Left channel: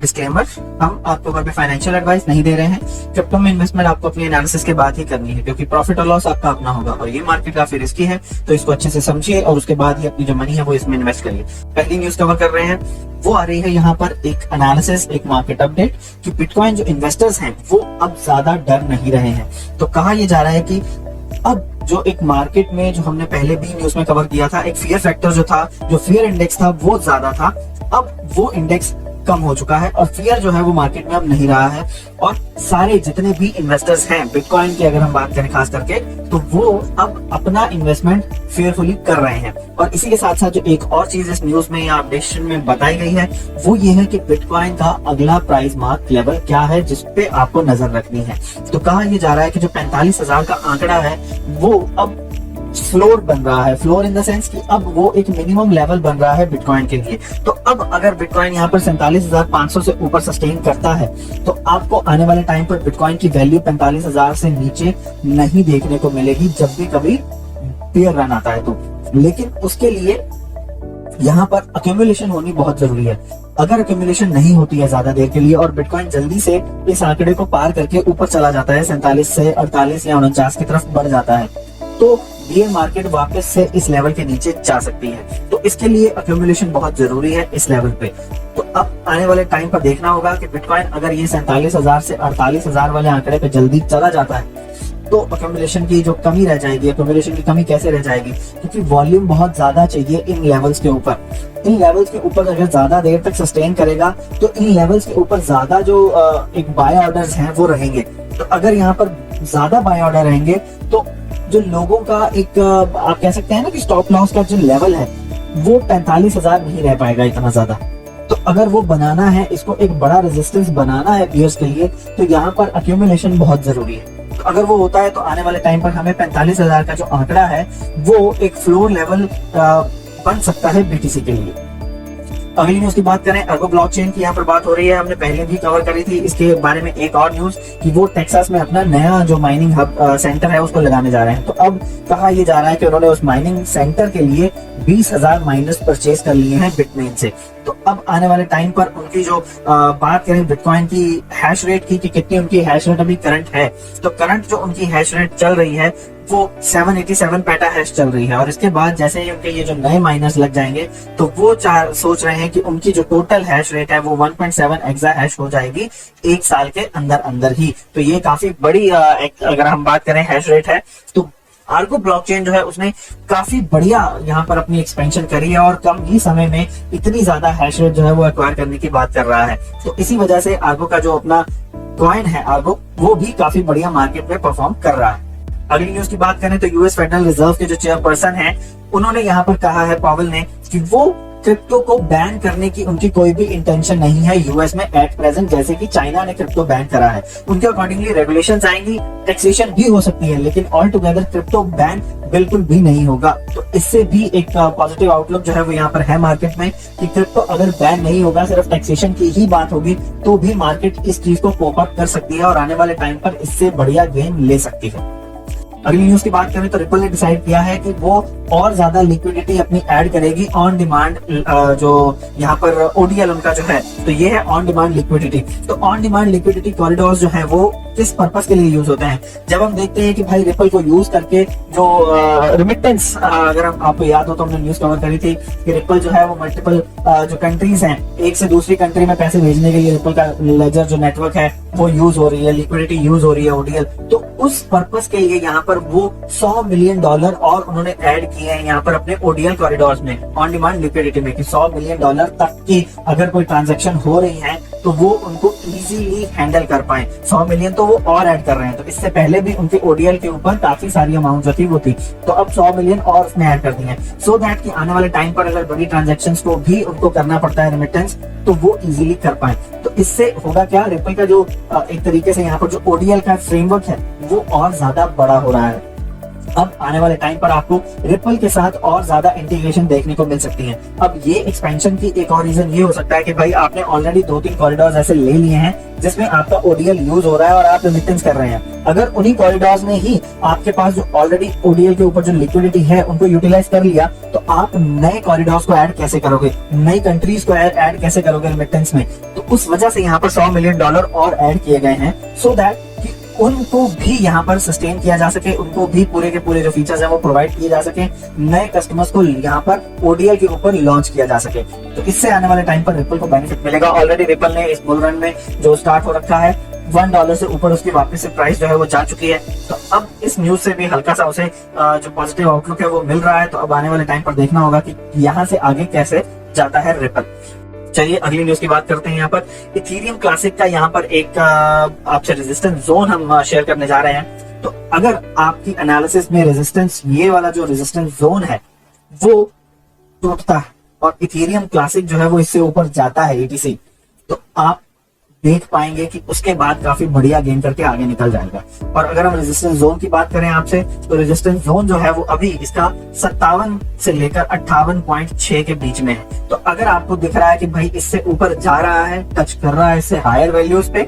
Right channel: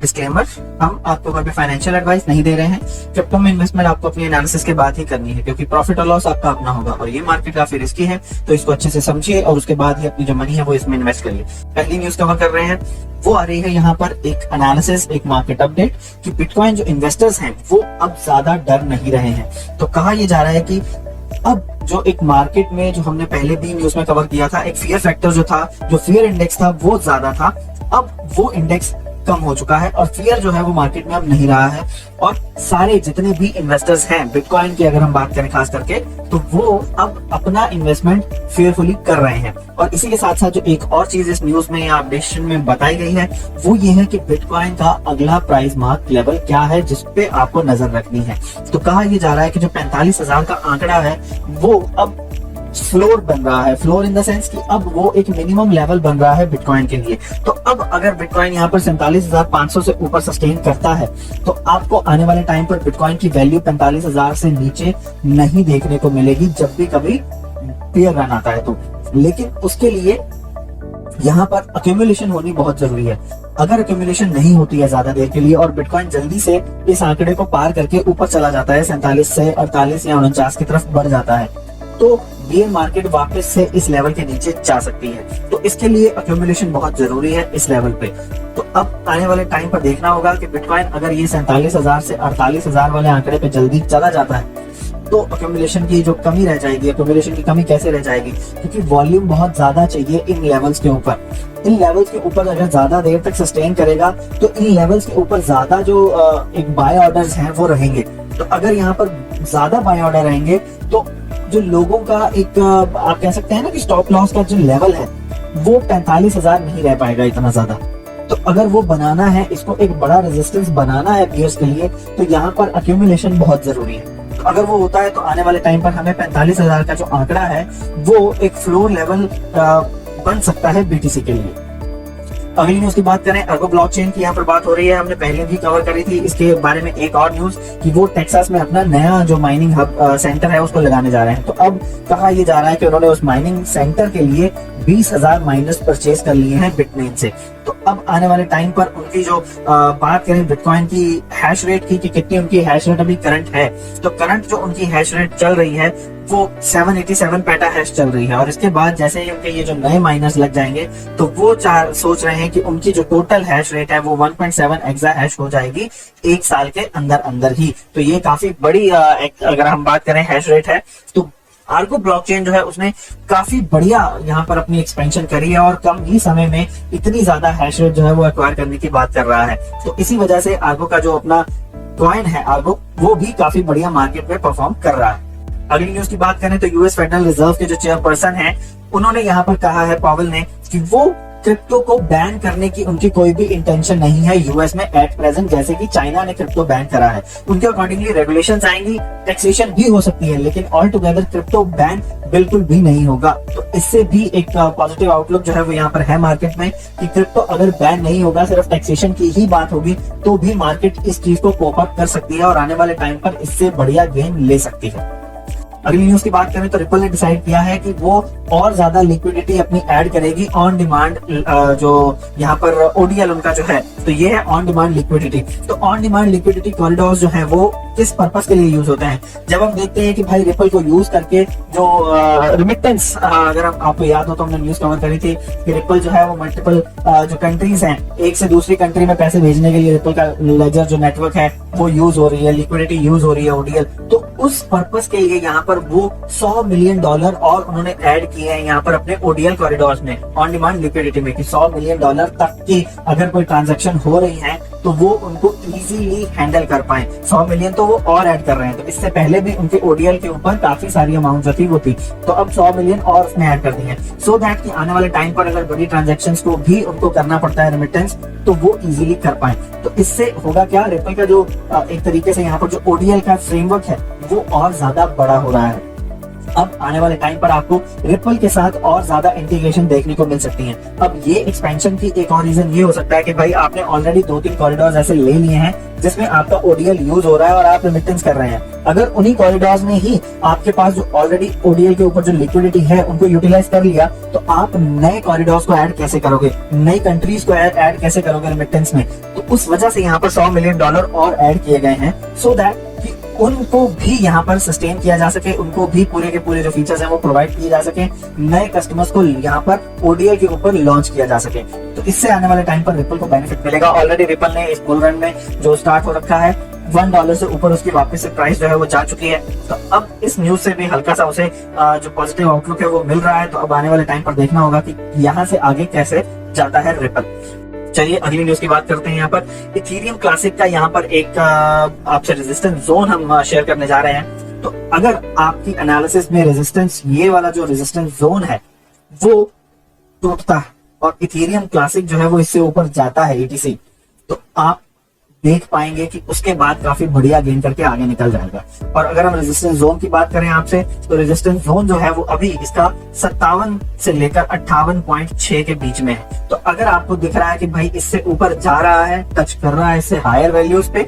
Disclaimer, हम आपको कोई भी फाइनेंशियल एडवाइस नहीं दे रहे हैं। क्रिप्टो में इन्वेस्टमेंट आपको अपनी एनालिसिस के बाद ही करनी है, क्योंकि प्रॉफिट और लॉस आपका अपना होगा और ये मार्केट काफी रिस्की है। तो इसको अच्छे से समझिए और उसके बाद ही अपनी जो मनी है वो इसमें इन्वेस्ट करिए। पहली न्यूज कवर कर रहे हैं, वो आ रही है यहाँ पर एक एनालिसिस, एक मार्केट अपडेट कि बिटकॉइन जो इन्वेस्टर्स हैं वो अब ज्यादा डर नहीं रहे हैं। तो कहा यह जा रहा है कि अब जो एक मार्केट में, जो हमने पहले भी न्यूज में कवर किया था, एक फियर फैक्टर जो था, जो फियर इंडेक्स था वो ज्यादा था, अब वो इंडेक्स कम हो चुका है और फियर जो है वो मार्केट में अब नहीं रहा है। और सारे जितने भी इन्वेस्टर्स हैं बिटकॉइन की, अगर हम बात करें खास करके, तो वो अब अपना इन्वेस्टमेंट फेयरफुली कर रहे हैं। और इसी के साथ साथ जो एक और चीज इस न्यूज में या अपडेशन में बताई गई है वो ये है कि बिटकॉइन का अगला प्राइस मार्क लेवल क्या है जिसपे आपको नजर रखनी है। तो कहा यह जा रहा है कि जो 45,000 का आंकड़ा है वो अब फ्लोर बन रहा है। फ्लोर इन द सेंस कि अब वो एक मिनिमम लेवल बन रहा है बिटकॉइन के लिए। तो अब अगर बिटकॉइन यहाँ पर 47,500 से ऊपर सस्टेन करता है तो आपको आने वाले टाइम पर बिटकॉइन की वैल्यू 45,000 से नीचे नहीं देखने को मिलेगी जब भी कभी पेयर रन आता है तो। लेकिन उसके लिए यहाँ पर अक्यूमुलेशन होनी बहुत जरूरी है। अगर अक्यूमुलेशन नहीं होती है ज्यादा देर के लिए और बिटकॉइन जल्दी से इस आंकड़े को पार करके ऊपर चला जाता है, 47 से 48 या 49 की तरफ बढ़ जाता है, तो ये मार्केट वापस से इस लेवल के नीचे जा सकती है। तो इसके लिए अक्यूमुलेशन बहुत जरूरी है इस लेवल पे। तो अब आने वाले टाइम पर देखना होगा कि बिटकॉइन अगर ये 47,000 से 48,000 वाले आंकड़े पे जल्दी चला जाता है तो अक्यूमुलेशन की जो कमी रह जाएगी, अक्यूमुलेशन की कमी कैसे रह जाएगी, क्योंकि वॉल्यूम बहुत ज्यादा चाहिए इन लेवल्स के ऊपर। इन लेवल्स के ऊपर अगर ज्यादा देर तक सस्टेन करेगा तो इन लेवल्स के ऊपर ज्यादा जो एक बाय ऑर्डर्स हैं वो रहेंगे। तो अगर यहाँ पर ज्यादा बाय ऑर्डर रहेंगे तो जो लोगों का एक आप कह सकते हैं ना कि स्टॉप लॉस का जो लेवल है वो 45,000 नहीं रह पाएगा इतना ज्यादा। तो अगर वो बनाना है, इसको एक बड़ा रेजिस्टेंस बनाना है बियर्स के लिए, तो यहाँ पर अक्यूमुलेशन बहुत जरूरी है। तो अगर वो होता है तो आने वाले टाइम पर हमें 45,000 का जो आंकड़ा है वो एक फ्लोर लेवल बन सकता है बीटीसी के लिए। अगली न्यूज की बात करें, अर्गो ब्लॉकचेन की यहाँ पर बात हो रही है। हमने पहले भी कवर करी थी इसके बारे में एक और न्यूज कि वो टेक्सास में अपना नया जो माइनिंग हब सेंटर है उसको लगाने जा रहे हैं। तो अब कहा यह जा रहा है कि उन्होंने उस माइनिंग सेंटर के लिए 20,000 माइनर्स परचेज कर लिए हैं बिटमेन से। तो अब आने वाले टाइम पर उनकी जो बात करें बिटकॉइन की हैश रेट की कि कितनी उनकी हैश रेट अभी करंट है, तो करंट जो उनकी हैश रेट चल रही है वो 787 पेटा हैश चल रही है। और इसके बाद जैसे ही उनके ये जो नए माइनर्स लग जाएंगे तो वो सोच रहे हैं कि उनकी जो टोटल हैश रेट है वो 1.7 एक्सा हैश हो जाएगी एक साल के अंदर अंदर ही। तो ये काफी बड़ी अगर हम बात करें हैश रेट है। तो आर्गो ब्लॉकचेन जो है उसने काफी बढ़िया यहाँ पर अपनी एक्सपेंशन करी है और कम ही समय में इतनी ज्यादा हैश रेट जो है वो एक्वायर करने की बात कर रहा है। तो इसी वजह से आर्गो का जो अपना कॉइन है आर्गो, वो भी काफी बढ़िया मार्केट में परफॉर्म कर रहा है। अगली न्यूज की बात करें तो यूएस फेडरल रिजर्व के जो चेयरपर्सन हैं उन्होंने यहाँ पर कहा है, पावेल ने, कि वो क्रिप्टो को बैन करने की उनकी कोई भी इंटेंशन नहीं है यूएस में एट प्रेजेंट, जैसे कि चाइना ने क्रिप्टो बैन करा है। उनके अकॉर्डिंगली रेगुलेशंस आएंगी, टैक्सेशन भी हो सकती है, लेकिन ऑल टुगेदर क्रिप्टो बैन बिल्कुल भी नहीं होगा। तो इससे भी एक पॉजिटिव आउटलुक जो है वो यहाँ पर है मार्केट में कि क्रिप्टो अगर बैन नहीं होगा, सिर्फ टैक्सेशन की ही बात होगी, तो भी मार्केट इस चीज को कोप अप कर सकती है और आने वाले टाइम पर इससे बढ़िया गेन ले सकती है। अगली न्यूज की बात करें तो रिपल ने डिसाइड किया है कि वो और ज्यादा लिक्विडिटी अपनी ऐड करेगी ऑन डिमांड, जो यहाँ पर ओडीएल उनका जो है, तो ये है ऑन डिमांड लिक्विडिटी। तो ऑन डिमांड लिक्विडिटी कॉरिडोर्स जो है वो किस पर्पस के लिए यूज होते हैं? जब हम देखते हैं कि भाई रिपल को यूज करके जो रिमिटेंस, अगर आपको याद हो तो हमने न्यूज कवर करी थी कि रिपल जो है वो मल्टीपल जो कंट्रीज हैं, एक से दूसरी कंट्री में पैसे भेजने के लिए रिपल का लेजर जो नेटवर्क है वो यूज हो रही है, लिक्विडिटी यूज हो रही है ओडीएल। तो उस पर्पस के लिए यहाँ पर वो $100 मिलियन और उन्होंने ऐड किए हैं यहाँ पर अपने ओडीएल कॉरिडोर्स में, ऑन डिमांड लिक्विडिटी में, कि $100 मिलियन तक की अगर कोई ट्रांजैक्शन हो रही है तो वो उनको इजीली हैंडल कर पाए। 100 मिलियन तो वो और ऐड कर रहे हैं। तो इससे पहले भी उनके ओडीएल के ऊपर काफी सारी अमाउंट जो थी वो थी, तो अब 100 मिलियन और उसमें ऐड कर दी है, सो दैट कि आने वाले टाइम पर अगर बड़ी ट्रांजैक्शंस को भी उनको करना पड़ता है रेमिटेंस, तो वो इजीली कर पाए। तो इससे होगा क्या, रिपल का जो एक तरीके से यहाँ पर जो ओडीएल का फ्रेमवर्क है वो और ज्यादा बड़ा हो रहा है। अब आने वाले टाइम पर आपको रिपल के साथ और ज्यादा इंटीग्रेशन देखने को मिल सकती है। अब ये एक्सपेंशन की एक और रीजन ये हो सकता है कि भाई आपने ऑलरेडी 2-3 कॉरिडोर्स ऐसे ले लिए हैं जिसमें आपका ओडीएल यूज हो रहा है और आप रेमिटेंस कर रहे हैं। अगर उन्हीं कॉरिडोर्स ने ही आपके पास जो ऑलरेडी ओडीएल के ऊपर जो लिक्विडिटी है उनको यूटिलाइज कर लिया, तो आप नए कॉरिडोर्स को ऐड कैसे करोगे, नई कंट्रीज को ऐड कैसे करोगे रेमिटेंस में। तो उस वजह से यहाँ पर $100 मिलियन और ऐड किए गए हैं सो दैट उनको भी यहाँ पर सस्टेन किया जा सके, उनको भी पूरे के पूरे जो फीचर्स हैं वो प्रोवाइड किए जा सके, नए कस्टमर्स को यहाँ पर ओडीएल के ऊपर लॉन्च किया जा सके। तो इससे आने वाले टाइम पर रिपल को बेनिफिट मिलेगा। ऑलरेडी रिपल ने इस बुल रन में जो स्टार्ट हो रखा है $1 से ऊपर उसकी वापस से प्राइस जो है वो जा चुकी है। तो अब इस न्यूज से भी हल्का सा उसे जो पॉजिटिव आउटलुक है वो मिल रहा है। तो अब आने वाले टाइम पर देखना होगा कि यहाँ से आगे कैसे जाता है रिपल। चलिए अगली न्यूज की बात करते हैं। यहाँ पर इथेरियम क्लासिक का यहाँ पर एक आपसे रेजिस्टेंस जोन हम शेयर करने जा रहे हैं। तो अगर आपकी एनालिसिस में रेजिस्टेंस, ये वाला जो रेजिस्टेंस जोन है वो टूटता है और इथेरियम क्लासिक जो है वो इससे ऊपर जाता है ETC, तो आप देख पाएंगे कि उसके बाद काफी बढ़िया गेन करके आगे निकल जाएगा। और अगर हम रेजिस्टेंस जोन की बात करें आपसे, तो रेजिस्टेंस जोन जो है वो अभी इसका 57 से लेकर 58.6 के बीच में है। तो अगर आपको दिख रहा है कि भाई इससे ऊपर जा रहा है, टच कर रहा है इससे हायर वैल्यूज पे,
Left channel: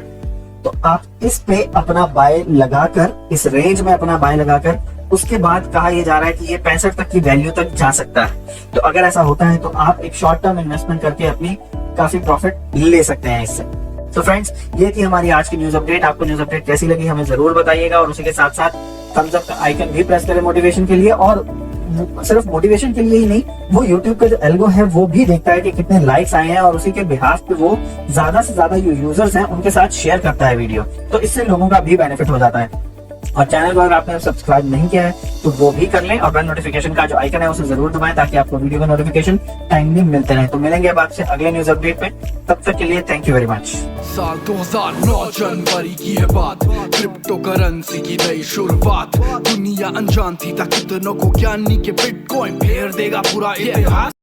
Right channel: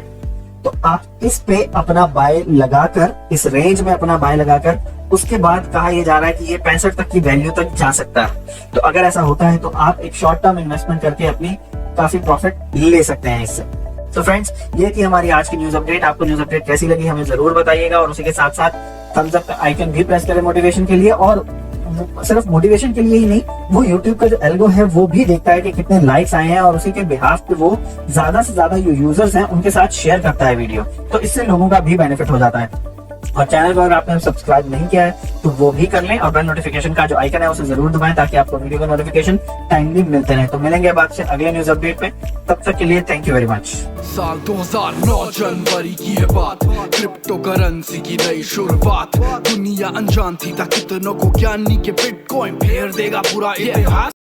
तो आप इस पे अपना बाय लगाकर, इस रेंज में अपना बाय लगाकर, उसके बाद कहा यह जा रहा है कि ये 65 तक की वैल्यू तक जा सकता है। तो अगर ऐसा होता है तो आप एक शॉर्ट टर्म इन्वेस्टमेंट करके अपनी काफी प्रॉफिट ले सकते हैं इससे। तो फ्रेंड्स, ये थी हमारी आज की न्यूज अपडेट। आपको न्यूज अपडेट कैसी लगी हमें जरूर बताइएगा और उसी के साथ साथ थम्स अप का आइकन भी प्रेस करें मोटिवेशन के लिए। और सिर्फ मोटिवेशन के लिए ही नहीं, वो YouTube का जो एल्गो है वो भी देखता है कि कितने लाइक्स आए हैं और उसी के बिहाफ पे वो ज्यादा से ज्यादा जो यूजर्स हैं उनके साथ शेयर करता है वीडियो। तो इससे लोगों का भी बेनिफिट हो जाता है। और चैनल को अगर आपने सब्सक्राइब नहीं किया है तो वो भी कर लें और बेल नोटिफिकेशन का जो आइकन है उसे जरूर दबाएं ताकि आपको वीडियो के नोटिफिकेशन टाइमली मिलते रहे। तो मिलेंगे अब आपसे अगले न्यूज अपडेट में, तब तक के लिए थैंक यू वेरी मच। साल 2009 जनवरी की ये बात, क्रिप्टो करेंसी की नई शुरुआत, दुनिया अनजान थी कितनों को ज्ञानी के बिटकॉइन फेर देगा पूरा इतिहास।